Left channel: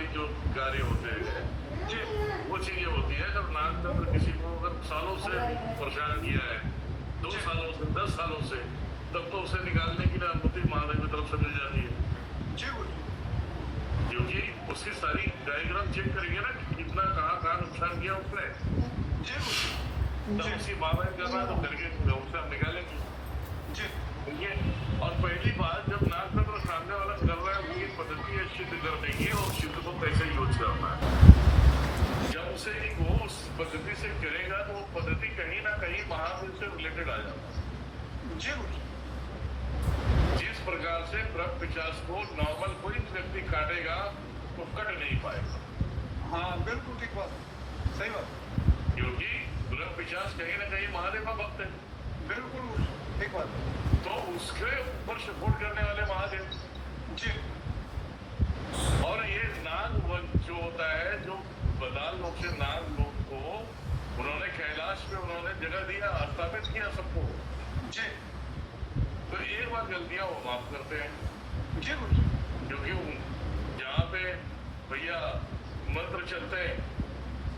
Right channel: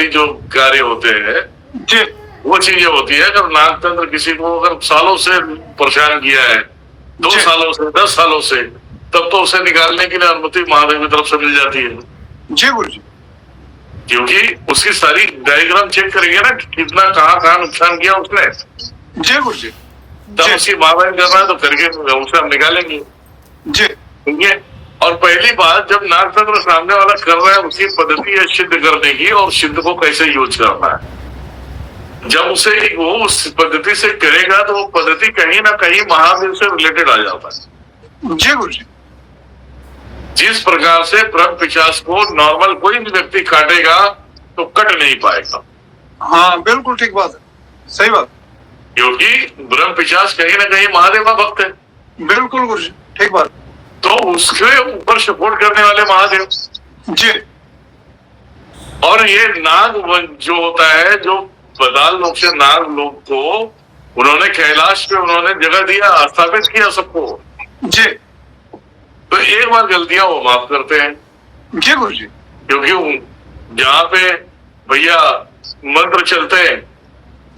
वाली जो कार्य होते हैं जी वो चीजें होती है। अगर नागतंत्र किसी को अगर सालों से परेशान किया है, 2 जी। सालों से, 10 सालों से, तब तो उसे निकालने के लिए अनुमति महादेव की तरफ से मिल जाती है, जी गुरु जी। क्योंकि उसकी सारी डायग्राम चेक करेंगे ना कि कितना कहाँ नुकसान किया उसने, जी गुरु जी। तब जी उसकी महादेव कर रहा है तो करके उसे हम निकालेंगे। जी ठीक है। और पहली बात, जब नागतंत्र सामने वाला कर रहा है उसकी पद्धति है सिद्ध करने की, और सिद्ध को कैसे यूज करना है। जब उसे वो उस पद्धति से करेगा तो वो पद्धति कहीं ना कहीं महादेव से रिलेटेड आ जाता है। जी गुरु जी। जिस प्रकार से ब्रह्म पिशाच को नॉर्मल कोई भी व्यक्ति काटेगा तो कट नहीं पाएगा। हाँ बिल्कुल ठीक बात है, सही बात। क्योंकि ब्रह्म पिशाच कहीं ना कहीं महादेव का भक्त है। बिल्कुल गुरु जी, ठीक बात। तो उसके ऊपर सपोर्ट करने वाले महादेव। जी। और ये नाग जो होता है, जो बदाल लोग से नाग लोग को उन्होंने कैलाश पे उन्होंने जगह दिया, स्थापित किया सबको। जी। तो एक बार गलतियां वो माफ करते हैं। जी गुरु जी। क्योंकि जहाँ पे भैया मंत्र चलते हैं,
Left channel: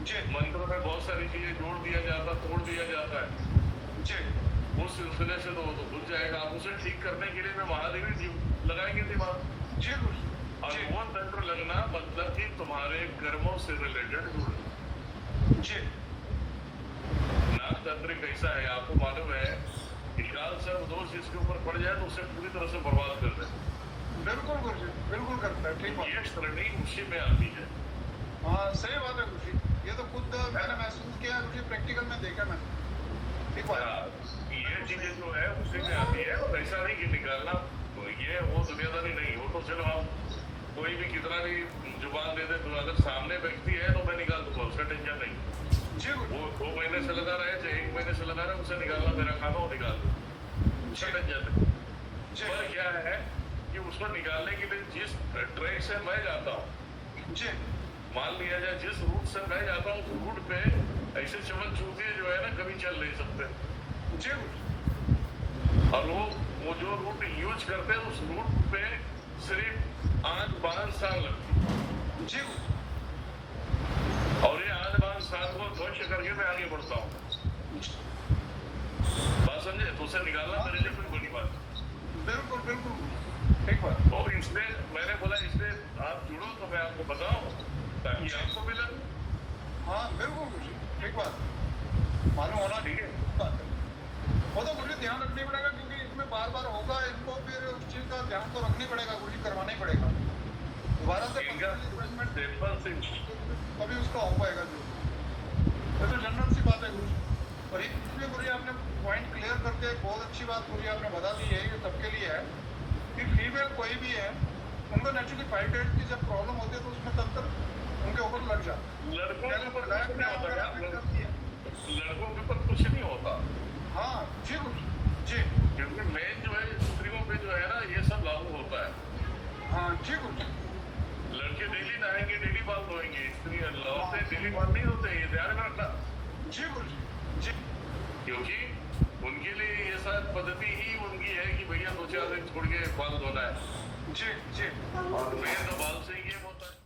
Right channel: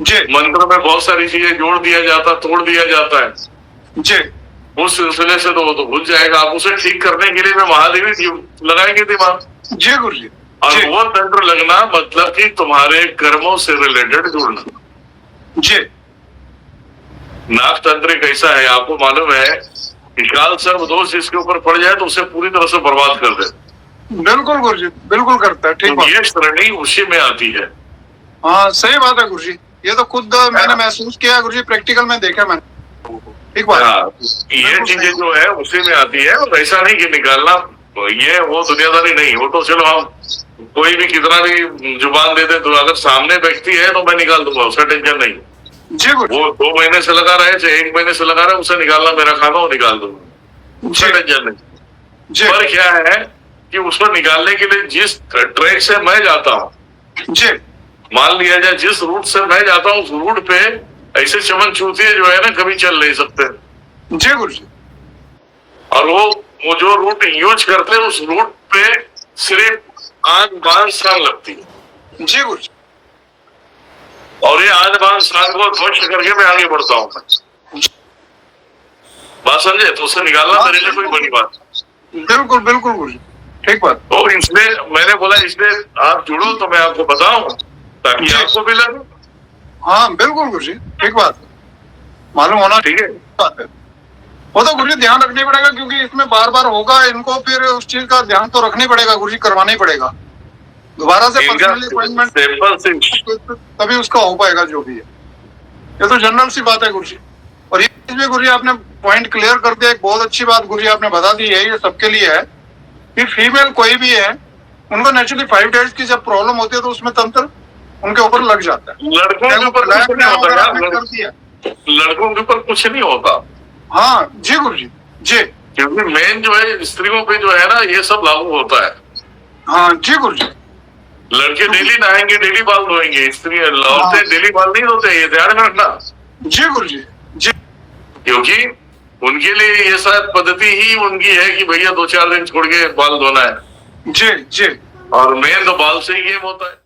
जी मंत्र में बहुत सारी चीजें जोड़ दिया जाता, तोड़ दिया जाता है। जी। उस सिलसिले से तो वो तो भूल जाएगा। आप उसे ठीक करने के लिए मैं महादेव ही लगाएंगे दिमाग। जी गुरु जी। और जी। वो तंत्र लगना मतलब कि तुम्हारे कर्मों से रिलेटेड जुड़ना। जी। नाग तंत्र कैसा है आपको मालूम है कि काल सर्व दोष जिसके ऊपर पड़ जाए तो उसे पूरी तरह से बर्बाद कर दे। बिल्कुल गुरु जी, बिल्कुल करता है, ठीक तो बात। ये श्रेणी उसी में आती है। हाँ सही बात है गुरु जी, ये तो खुद मैंने महसूस किया गुरु जी, प्रैक्टिकल में देखा मैंने, ठीक बात। हाँ, ये चीजें जो है उसी में आती है। और ऐसा नहीं कि निकालना ये वो दुनियादारी नहीं, वो तो चलो हम कोई भी कितना भी जुबान दे दे तो अगर सामने व्यक्ति है तो मैं निकाल दूंगा, उसका टेंशन नहीं। जी गुरु। वो 2 महीने से लगा रहे, चाहे 1 महीने से लगा रहे, उसे निकालना मेरा काम है, वो निकाल दूंगा, उसका टेंशन नहीं। जी। पर क्या है कि उसको निकालने के लिए जिस ट्रैक से मैं जाता हूँ, जी। मान लिया जाए जिस रूट से मैं जाता हूँ उस रूट पे ऐसे चमन चूतिए जो है ना कभी चल नहीं सकते। जी गुरु जी। और वो जो रूट यूज करते हैं उस रूट पे सिर्फ आंख बांध सांग लगती है। जी गुरु जी। और ये आंख बांध सांग को ध्वस्त करके मैं आगे बढ़ता हूँ। बात समझे? तो उसे निकालना मेरे लिए कोई बड़ी बात। बिल्कुल बिल्कुल गुरु जी, ठीक बात। तो इसलिए मैंने बोला इसलिए आप जुड़ो तो मैं आपको बताऊं ताकि आपको भी लगे। हाँ बिल्कुल गुरु जी, ठीक बात, मालूम होना ठीक है। बात है। वो तो गुरु जी ध्यान रखनी पड़ेगा, क्योंकि इसमें बार बार होगा, इनको फिर उस चीज का ध्यान तो रखना पड़ेगा गुरु जी, करवाना ही पड़ेगा दोबारा से पर्सनली अपॉइंटमेंट, तभी उसका हो पाएगा जो भी है। ये तो जनरल सी बात है गुरु जी। और ये चीज भी गुरु जी आपने पॉइंट क्लियर कर दिया, एक बहुत अच्छी बात गुरु जी आपने बता दी है, ये सबके लिए है कि फीमेल कोई भी है उनको नेचुरली 5 डेज की जब प्रॉब्लम होती है तो उसमें तंत्र उनके ऊपर लग जाता है। लड़कों के ऊपर कुछ नहीं होता यार, कर दिया। लड़कों के ऊपर कुछ नहीं होता। हाँ जी गुरु जी। जी। क्योंकि मेन जो है स्त्रियों पे जो है ना ये सब लागू होता है। हाँ जी गुरु जी। लड़के डेली नहाएंगे, डेली बाल धोएंगे, स्त्री औरतें डेली बाल नहीं धोते, ये ध्यान में रखना। जी गुरु जी। जी। क्योंकि उनके लिए ये शायद पद्धति ही उनकी है कि भैया 2-4 दिन छोड़ के बाल धोना है। जी। जी। और मेन तो बाल से ही गेम होता है।